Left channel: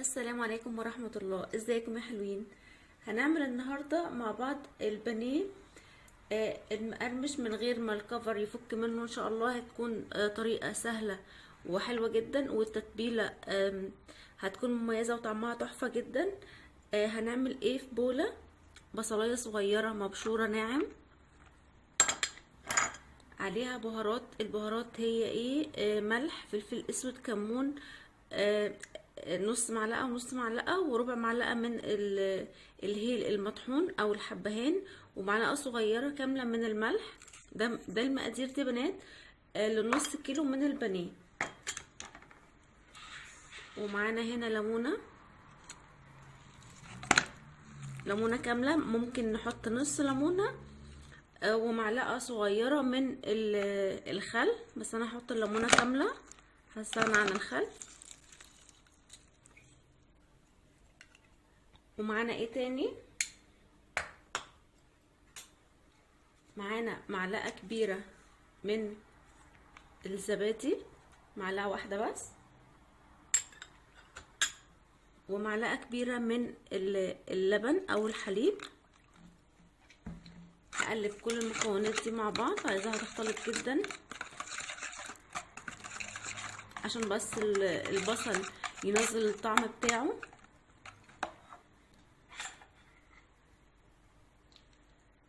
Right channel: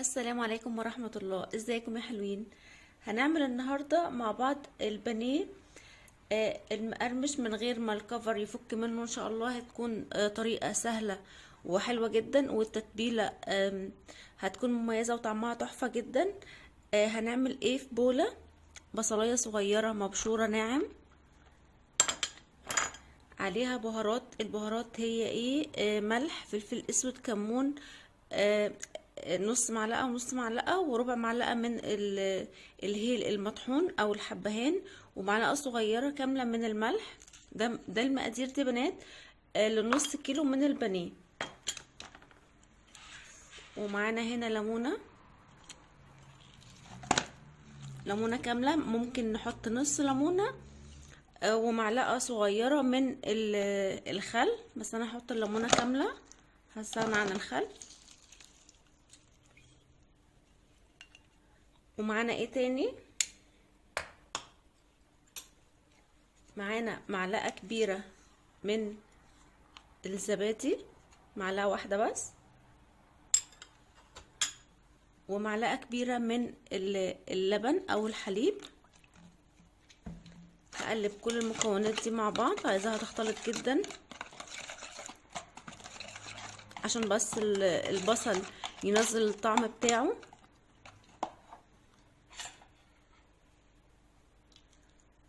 السلام عليكم ورحمة الله. ازيكم يا حلوين؟ هنعمل النهاردة مع بعض البانيه المقرمش من غير ما الكفر يفك منه. ان شاء الله هتكون طريقة سهلة وحلوة جدا، والتتبيلة هتكون مميزة وطعمها تحفة جدا. هنعمل ايه؟ في بولة بصلاية صغيرة مبشورة ناعم، عليها بهارات. البهارات هي ايه؟ ملح، فلفل اسود، كمون، آه، نص معلقة ونص معلقة وربع معلقة من الهيل المطحون او الحبهان، ومعلقة صغيرة كاملة من الملح. ده المقادير دي بنات لنص كيلو من البانيه. ومعانا هنا ليمونة كاملة، ممكن نحط نص ليمونة، ومعلقة صغيرة من الخل، بس انا هحط الليمونة كاملة، هستغنى عن الخل. ومعانا ايه تاني؟ معانا معلقة كبيرة من الزبادي، معلقة واحدة بس، ومعلقة كبيرة من اللبن او الحليب. هقلب كل المكونات دي مع بعض، عايزاها تختلط جدا عشان بس البصل ينزل الطعم بتاعه.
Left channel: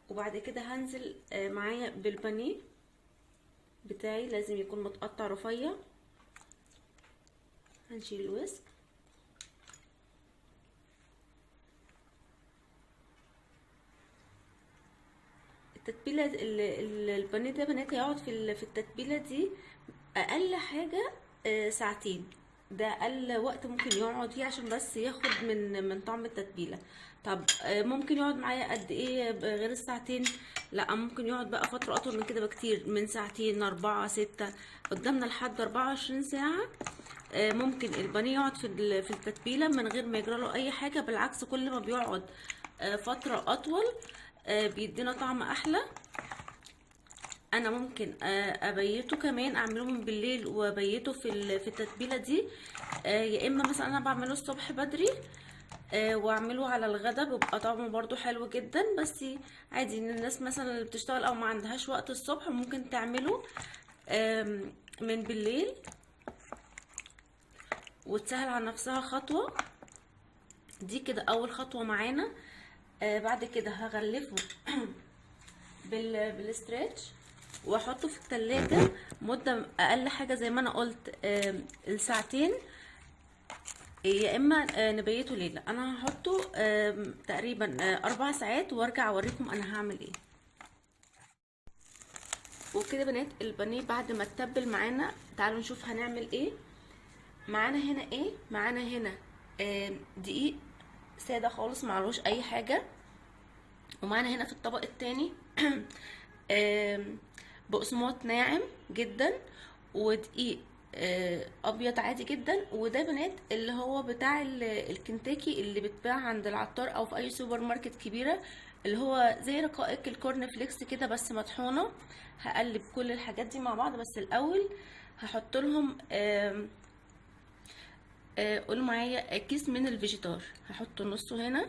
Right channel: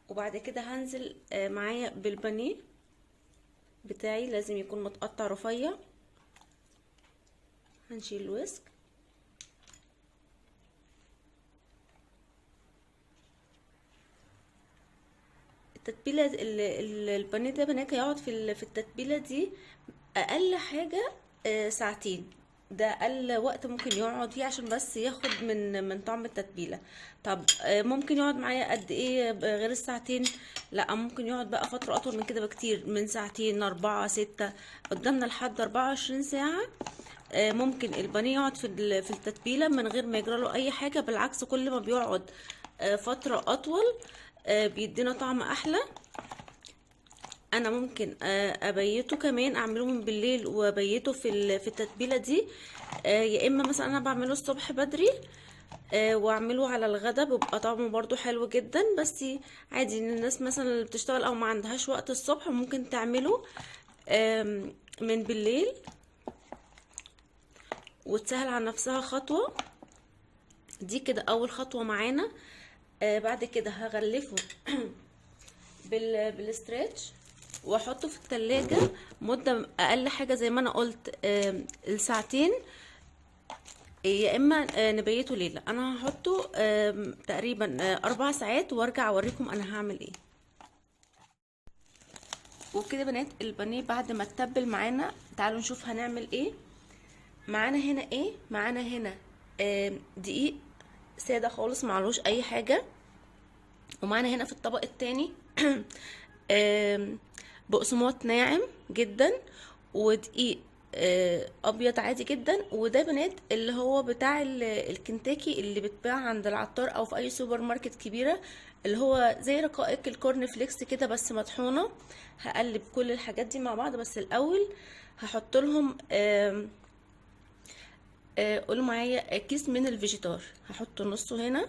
وبعد كده هنزل معايا بالبانيه بتاعي، لازم يكون متقطع رفيع. هنشيل الوسك. التتبيله البانيه ده بنات هيقعد في التتبيله دي اقل حاجه ساعتين. ده اقل وقت ممكن يقعد فيه عشان بس ياخد من طعم التتبيله. طب ممكن يقعد معايا قد ايه غير الساعتين؟ لا، ممكن يقعد بقى فتره اطول من كده بكتير، من ساعتين، 4، 6، قدامنا لحد 24 ساعه. ممكن البانيه يقعد في التتبيله من غير ما يجرى له اي حاجه. بالعكس، كل ما بيقعد فتره اطول بيدينا طعم احلى. انا ممكن ابيته كمان، اعملهم بالليل وابيته في التتبيله دي. يا اما مثلا انا بعمله الصبح بدري واعمله على الغدا، بيبقى طعمه برضو حلو جدا. بس عادي ان الناس مثلا اللي بتشتغل او ما عندهاش وقت الصبح ممكن تعمله من بالليل وتسهل على نفسها خطوه. دي كده اول خطوه معانا. بعد كده هغلفه بالستريتش واحطه في التلاجة مدة اقل حاجة زي ما انا قلت الساعتين، يا اما نبيته ليلة. انا هحطه تقريبا 4 ساعات وارجع اوريكم انا هعمل ايه. وكده بنات البانيه بعد ما اتبل معانا، تعالوا نشوف هنعمل ايه. معانا هنا ايه؟ معانا هنا دقيق سادة خالص معلوش اي حاجة. ومعانا هنا في الطبق التاني بقسماط ناعم جدا، ودقيق ابيض عادي جدا. وده بنات اللي هو بتاع الكنتاكي اللي بتباع عند العطار او في اي سوبر ماركت كبيره، اللي هو زي رقائق الكورن فليكس كده بس مطحونه. هقلب كل الحاجات دي مع بعض، بس الاول هحط لهم قولوا معايا كيس من الفيجيتار. هحط نصه هنا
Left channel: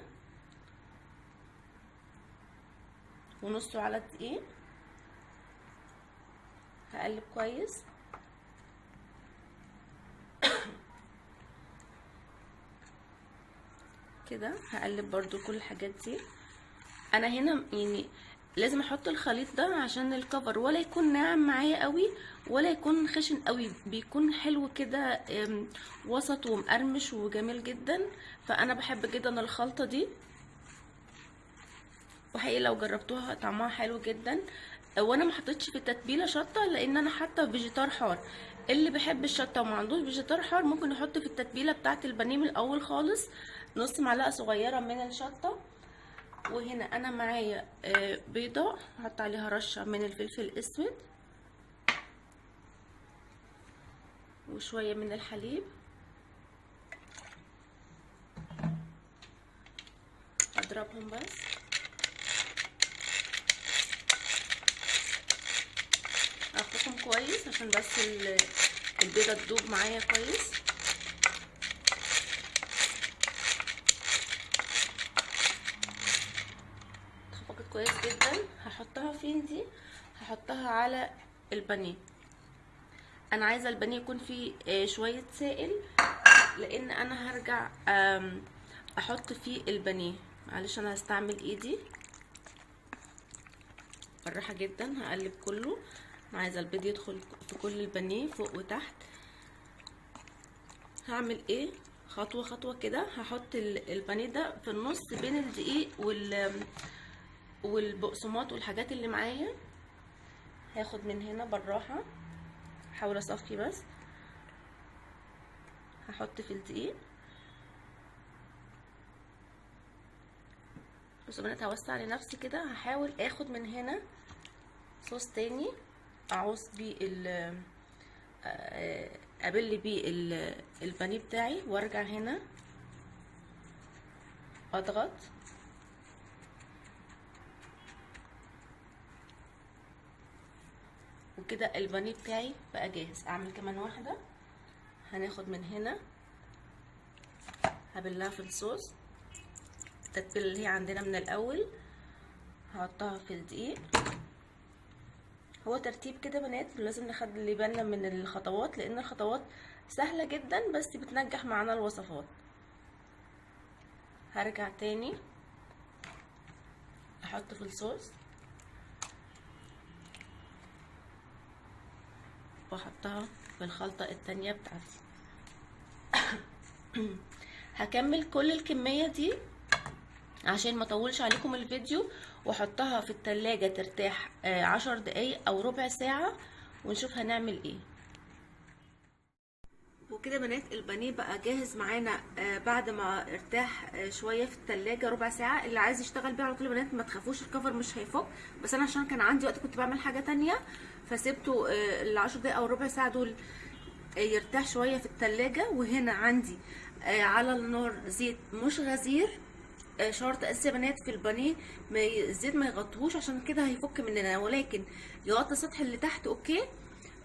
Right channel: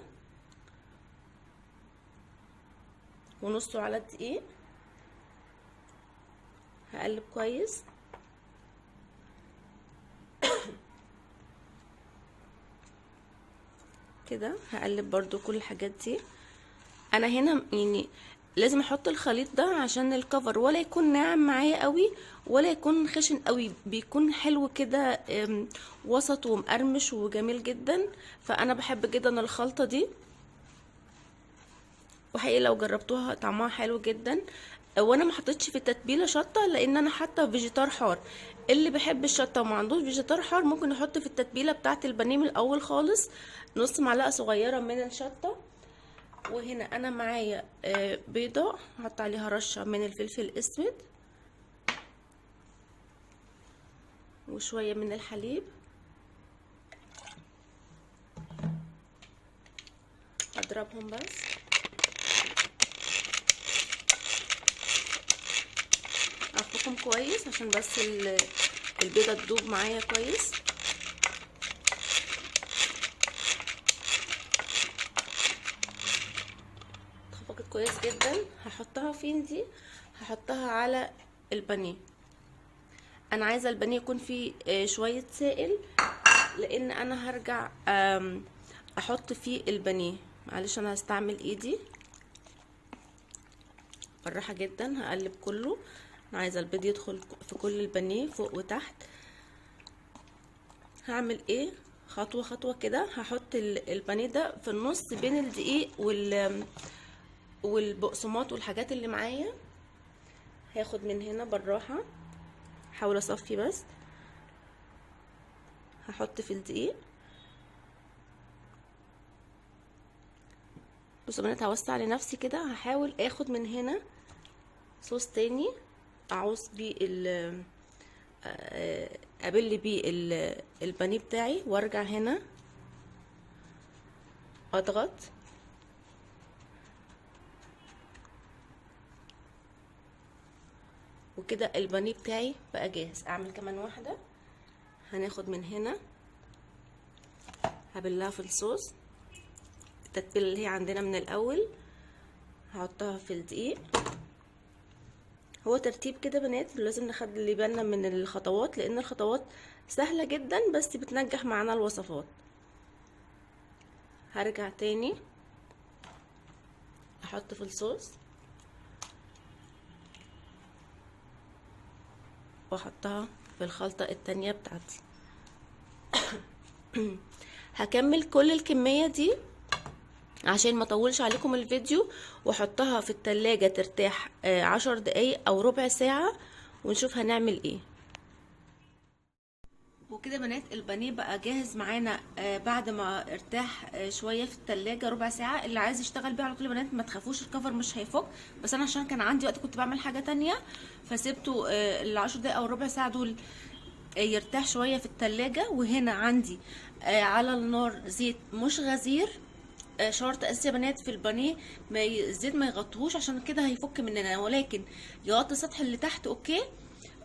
ونصه على الدقيق. هقلب كويس كده. هقلب برضو كل الحاجات دي. انا هنا يعني لازم احط الخليط ده عشان الكفر ولا يكون ناعم معايا قوي ولا يكون خشن قوي، بيكون حلو كده وسط ومقرمش وجميل جدا. فانا بحب جدا الخلطة دي، وحقيقي لو جربتوها طعمها حلو جدا. وانا ما حطيتش في التتبيله شطه لان انا حاطه فيجيتار حار. اللي بيحب الشطه وما عندوش فيجيتار حار ممكن يحط في التتبيله بتاعه البانيه من الاول خالص نص معلقه صغيره من الشطه. وهنا انا معايا بيضه هحط عليها رشه من الفلفل الاسود وشويه من الحليب. اضربهم بس. اخلطهم كويس عشان بس البيضه تدوب معايا كويس. كويس جدا. هحطها فين دي؟ هحطها على البانيه. انا عايزه البانيه يكون فيه شويه سائل، لان انا هرجع احط فيه البانيه. معلش انا هستعمل ايدي بالراحه جدا، هقلب كله. انا عايزه البيض يدخل في كل البانيه فوق وتحت. هعمل ايه؟ خطوه خطوه كده. هحط البانيه ده في النص بين الدقيق والبقسماط والحاجات اللي معايا. هاخد من هنا بالراحه، احاول اصفي بس. هحط في الدقيق. بصوا يا بنات، هوسع لنفسي كده. هحاول اخد من هنا صوص تاني اعوز بيه ابل بيه البانيه بتاعي، وارجع هنا اضغط. وكده البانيه بتاعي بقى جاهز. اعمل كمان واحده. هناخد من هنا هبلها في الصوص، التتبيله اللي هي عندنا من الاول، هحطها في الدقيق. هو ترتيب كده بنات، لازم نخلي بالنا من الخطوات، لان الخطوات سهله جدا بس بتنجح معانا الوصفات. هرجع تاني احط في الصوص واحطها في الخلطه التانية بتاعتي. هكمل كل الكميه دي عشان ما اطولش عليكم الفيديو، واحطها في التلاجة ترتاح 10 دقايق او ربع ساعة، ونشوف هنعمل ايه. وكده بنات البانيه بقى جاهز معانا بعد ما ارتاح شويه في التلاجة ربع ساعه. اللي عايز يشتغل بيه على طول يا بنات ما تخافوش، الكفر مش هيفك. بس انا عشان كان عندي وقت كنت بعمل حاجه تانية، فسيبته ال10 دقايق او ربع ساعه دول يرتاح شويه في التلاجة. وهنا عندي على النار زيت مش غزير. شرط اساسي يا بنات في البانيه الزيت ما يغطيهوش، عشان كده هيفك مننا، ولكن يغطي السطح اللي تحت اوكي،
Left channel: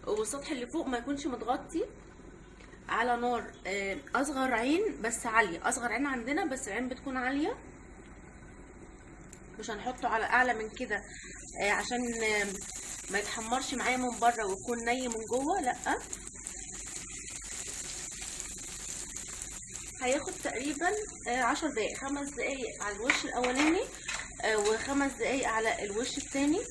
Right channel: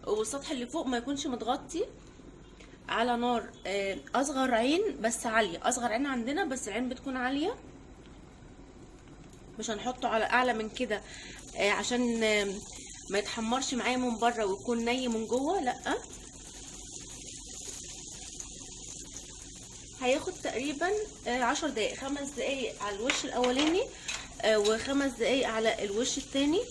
والسطح اللي فوق ما يكونش متغطي. على نار اصغر عين بس عاليه. اصغر عين عندنا بس العين بتكون عاليه، مش هنحطه على اعلى من كده عشان ما يتحمرش معايا من بره ويكون ني من جوه، لا. هياخد تقريبا 10 دقايق، 5 دقايق على الوش الاولاني و5 دقايق على الوش التاني.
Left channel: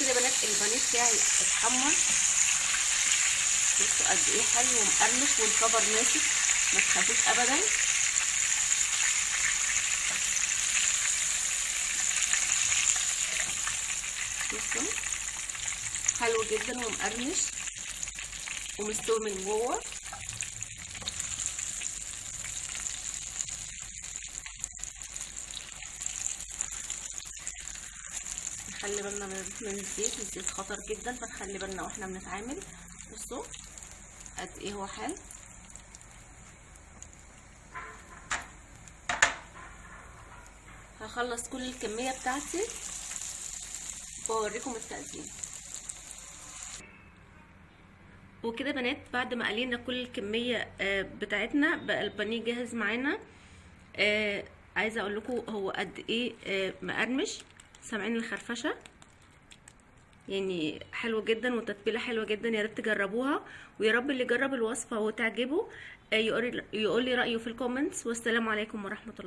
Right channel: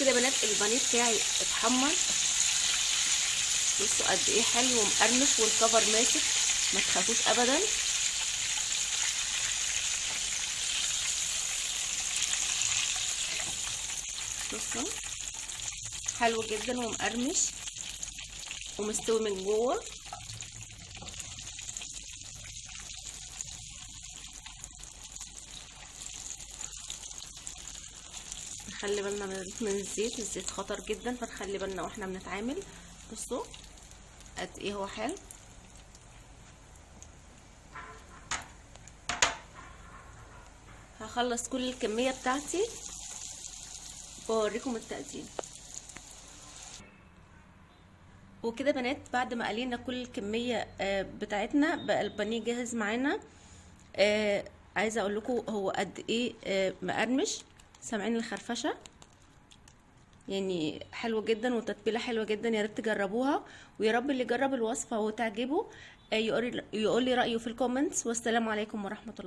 كده بنات البانيه بتاعي اتحمر. بصوا قد ايه حلو ومقرمش والكفر ماسك، ما تخافوش ابدا. بصوا حلو جدا ومقرمش ومستوي من جوه. نخلي بالنا من الزيت. الزيت خطر جدا، فنخلي بالنا واحنا بنتعامل. بصوا قد ايه هو حلو. هخلص كل الكميه بتاعتي واوريكم التقديم. وكده بنات بعد ما قلينا كل الكميه بتاعتنا بقى البانيه جاهز معانا. عايزه اقول لكم هو قد ايه مقرمش. سامعين الخرفشه؟ يعني حلو جدا والتتبيله حلوه جدا. يا ريت تجربوها، ويا رب اللي جرب الوصفه وتعجبه يقول لي رايه في الكومنتس. والسلام عليكم ورحمه الله.